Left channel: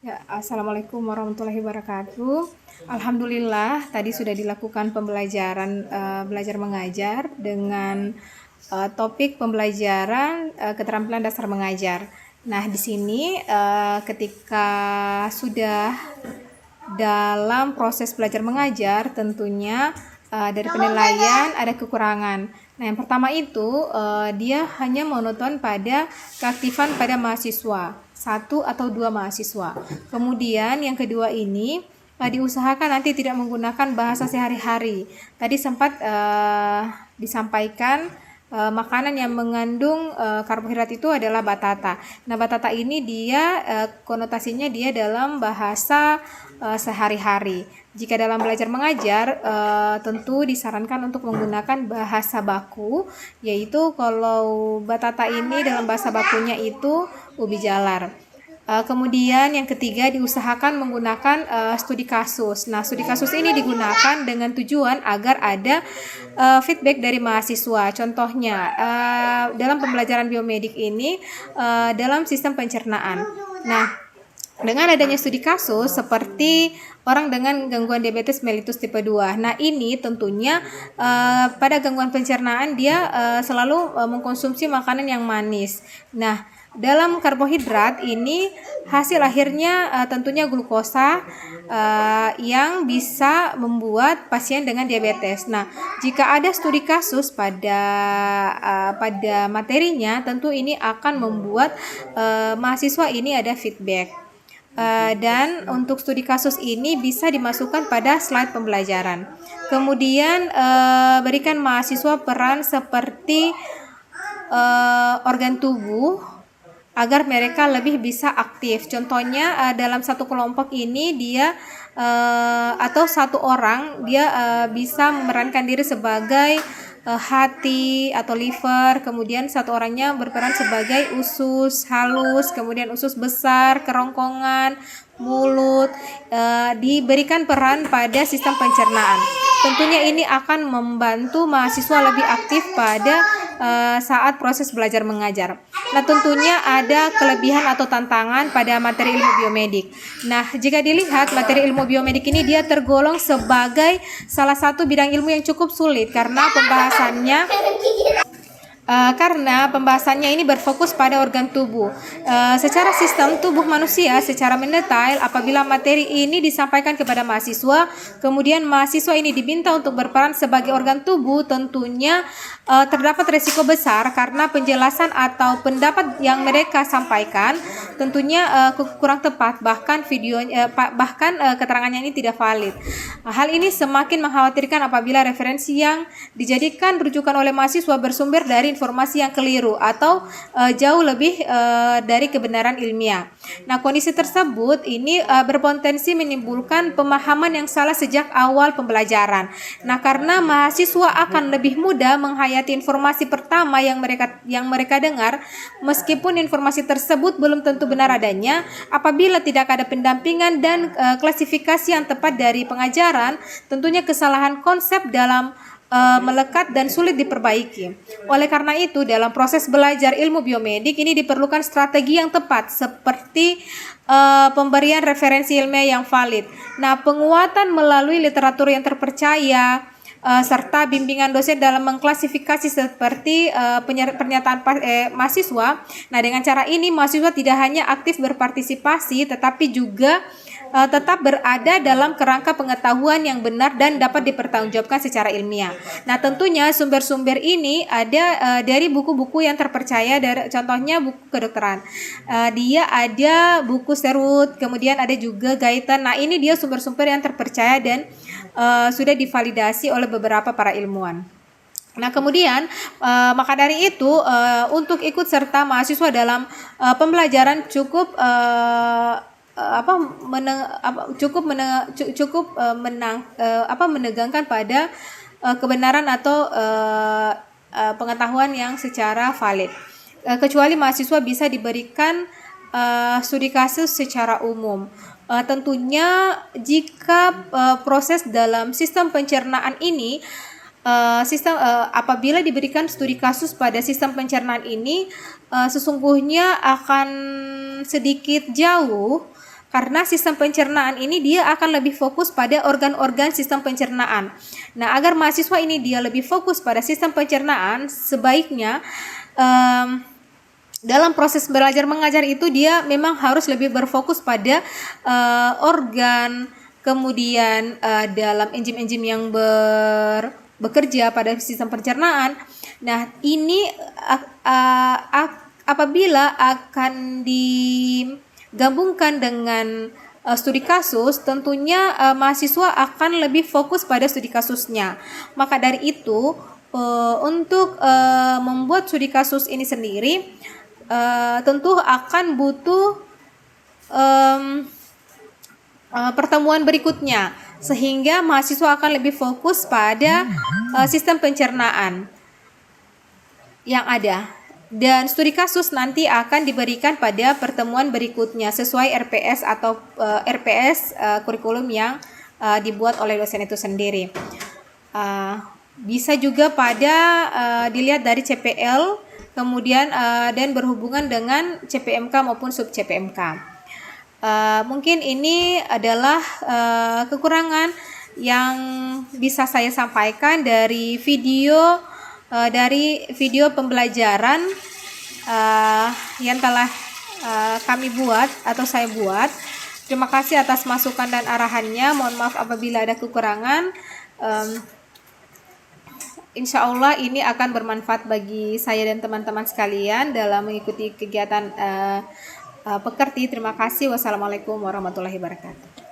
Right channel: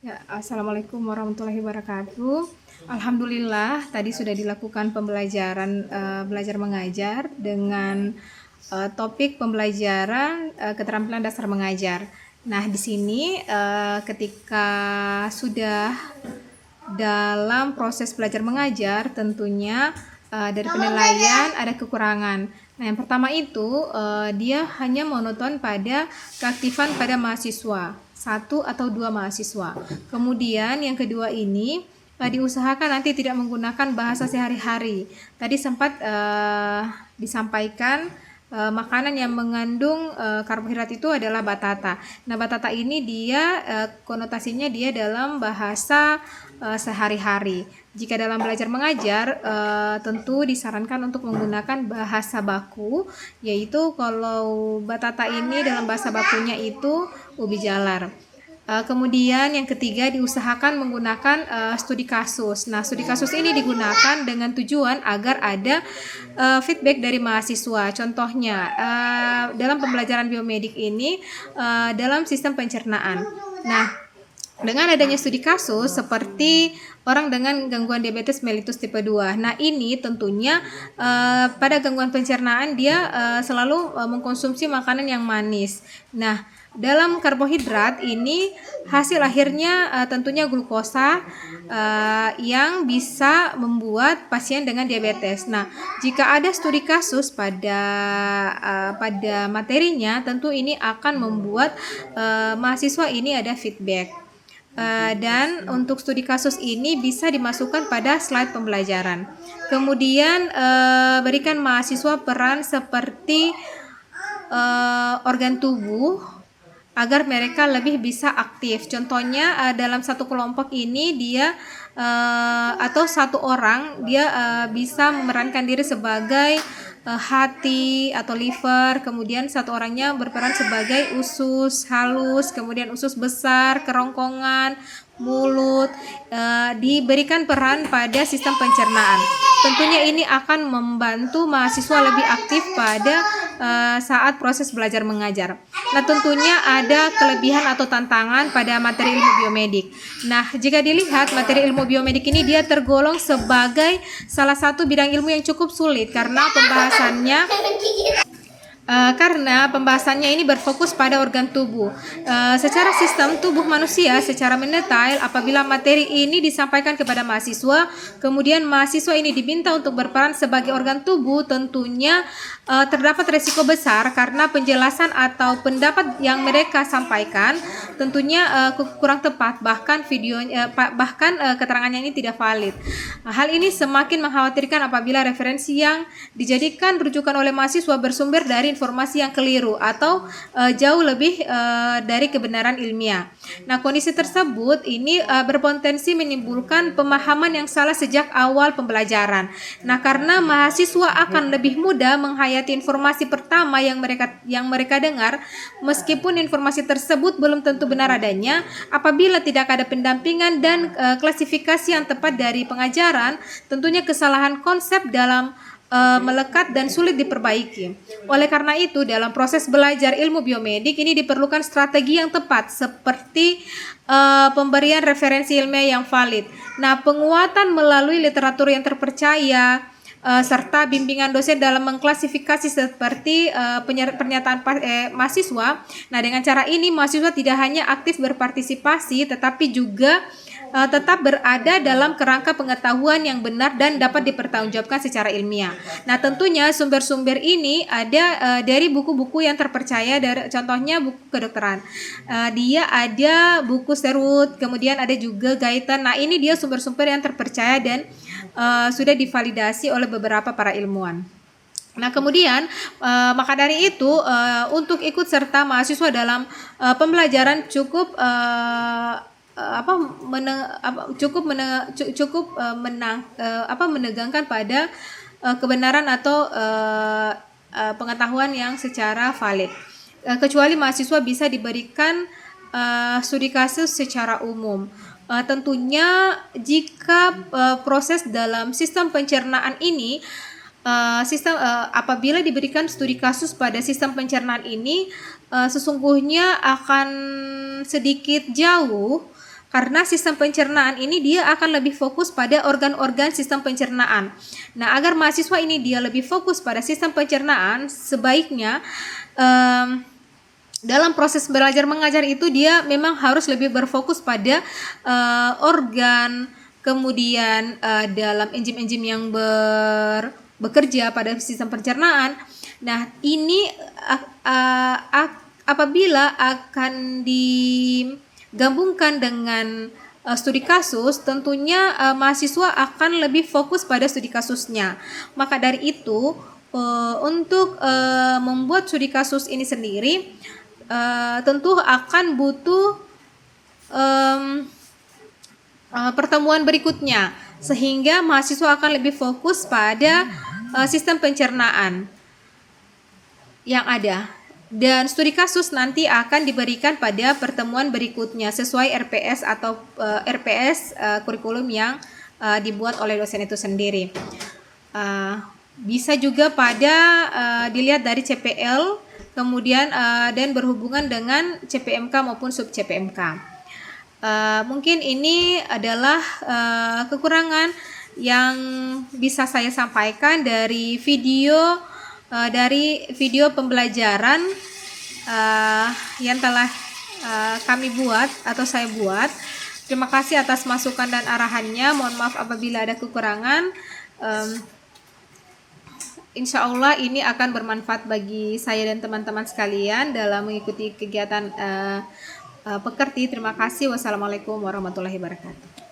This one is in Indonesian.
Ya, Assalamualaikum warahmatullahi wabarakatuh. Alhamdulillah, tadi sudah dilakukan pembelajaran belajar mengajar dengan topik pembelajaran keterampilan dasar mengajar. Nah, di sini ketika sudah dalam proses belajar mengajar, tentunya dari penilaian ada kekurangan. Nah, yang pertama itu dia hanya monoton pada keaktifan pada mahasiswa, 1 atau 2 mahasiswa. Kemudian yang kedua ini diusahakan nanti tidak menggunakan bahasa sehari-hari. Tadi sempat disampaikan makanan yang mengandung karbohidrat itu adalah batata. Nah, batata ini dia konotasinya dia dalam bahasa sehari-hari. Jika dalam belajar mengajar tentu disarankan untuk menggunakan bahasa baku, yaitu kalau batata ini dalam bahasa bakunya itu ubi jalar. Kemudian yang ketiga diusahakan menggunakan studi kasus. Nah, studi kasus ini digunakan dengan tujuan agar ada feedback dari mahasiswa. Contohnya dalam pembelajaran biomedik ini dalam sistem pencernaan. Nah, dengan adanya studi kasus seperti orang dengan gangguan diabetes mellitus tipe 2. Nah, ini tentunya pada gangguan pencernaan dia selalu mengkonsumsi makanan yang manis. Nah, dalam karbohidrat ini hasil akhirnya tentunya glukosa yang bisa membuat pasien dengan diabetes. Nah, jika ada studi kasus pada materinya, tentu ini akan membuat mahasiswa ini ada feedback. Dan untuk studi kasus ini bisa dimasukkan pada slide pembelajaran. Kemudian berikan mahasiswa peran seperti organ tubuh agar mereka lebih bisa aktif. Contohnya dalam satu kelompok ini dia atau satu orang dia bisa memerankan diri sebagai hati atau liver, kemudian satu orangnya berperan sebagai usus halus, kemudian usus besar, kerongkongan, mulut, diberikan peran pada sistem pencernaan. Tentunya ini akan membantu mahasiswa lebih aktif pada saat proses belajar mengajar. Nah, tentunya ada kelebihan atau tantangan pada materi ilmu biomedik. Nah, jika dilihat materi ilmu biomedik ini dia tergolong sebagai salah satu bidang ilmu yang cukup sulit karena pembahasannya ini berfokus pada organ tubuh. Secara sistem tubuh manusia secara mendetail, apabila materi ini disampaikan kepada mahasiswa, kemudian mahasiswa ini diminta untuk berperan sebagai organ tubuh, tentunya terdapat resiko besar karena penjelasan atau pendapat yang mereka sampaikan tentunya kurang tepat, bahkan keterangannya ini tidak valid. Hal ini semakin mengkhawatirkan apabila referensi yang dijadikan rujukan oleh mahasiswa bersumber dari informasi yang keliru atau jauh lebih dari kebenaran ilmiah. Nah, kondisi tersebut ini berpotensi menimbulkan pemahaman yang salah sejak awal pembelajaran. Nah, karena mahasiswa akan lebih mudah menghayati informasi pertama yang mereka dengar, meskipun informasi tersebut belum tentu benar adanya, apabila tidak ada pendampingan dan klasifikasi yang tepat dari pengajaran, tentunya kesalahan konsep dalam melekat dan sulit diperbaiki. Oleh karena itu, dalam proses belajar ilmu biomedik ini diperlukan strategi yang tepat seperti pemberian referensi ilmiah yang valid. Nah, penguatan melalui literatur yang terpercaya serta bimbingan dosen dalam mengklasifikasi seperti pernyataan mahasiswa. Nah, dengan cara ini mahasiswa tidak hanya aktif berpartisipasi tetapi juga tetap berada dalam kerangka pengetahuan yang benar dan dapat dipertanggungjawabkan secara ilmiah. Nah, tentunya sumber-sumber ini ada dari buku-buku yang terpercaya, contohnya buku kedokteran. Dia ada buku Serut, kemudian ada juga Gaitan. Nah, ini dia sumber-sumber yang terpercaya dan sudah divalidasi oleh beberapa para ilmuwan. Nah, kemudian maka dari itu untuk ikut serta mahasiswa dalam pembelajaran cukup menegangkan pada kebenaran atau pengetahuan yang secara valid. Kecuali mahasiswa bisa diberikan studi kasus secara umum. Tentunya jika proses dalam sistem pencernaan ini apabila diberikan studi kasus pada sistem pencernaan ini sesungguhnya akan sedikit jauh Karena sistem pencernaan ini dia akan lebih fokus pada organ-organ sistem pencernaan. Nah, agar mahasiswa ini dia lebih fokus pada sistem pencernaan, sebaiknya dalam proses belajar mengajar itu dia memang harus lebih berfokus pada organ, kemudian dalam enzim-enzim yang bekerja pada sistem pencernaan. Nah, ini apabila akan digabungkan dengan studi kasus, tentunya mahasiswa akan lebih fokus pada studi kasusnya. Maka dari itu, untuk membuat studi kasus ini sendiri, tentu akan butuh pertemuan berikutnya, sehingga mahasiswa akan lebih fokus pada sistem pencernaan yang ada. Dan studi kasus nanti akan diberikan pada pertemuan berikutnya sesuai RPS atau RPS kurikulum yang dibuat oleh dosen itu sendiri. Bisa juga dilihat dari CPL, kemudian dan berhubungan dengan CPMK maupun sub CPMK. Mungkin ini adalah kekurangan yang bisa saya sampaikan dari video pembelajaran yang telah kami buat atau saya buat. Terima kasih atas masukan dan arahannya. Mohon maaf apabila ada kekurangan. Insya Allah ini akan bermanfaat bagi saya dan teman-teman sekalian dalam mengikuti kegiatan Pekerti. Terima kasih. Wassalamualaikum warahmatullahi wabarakatuh.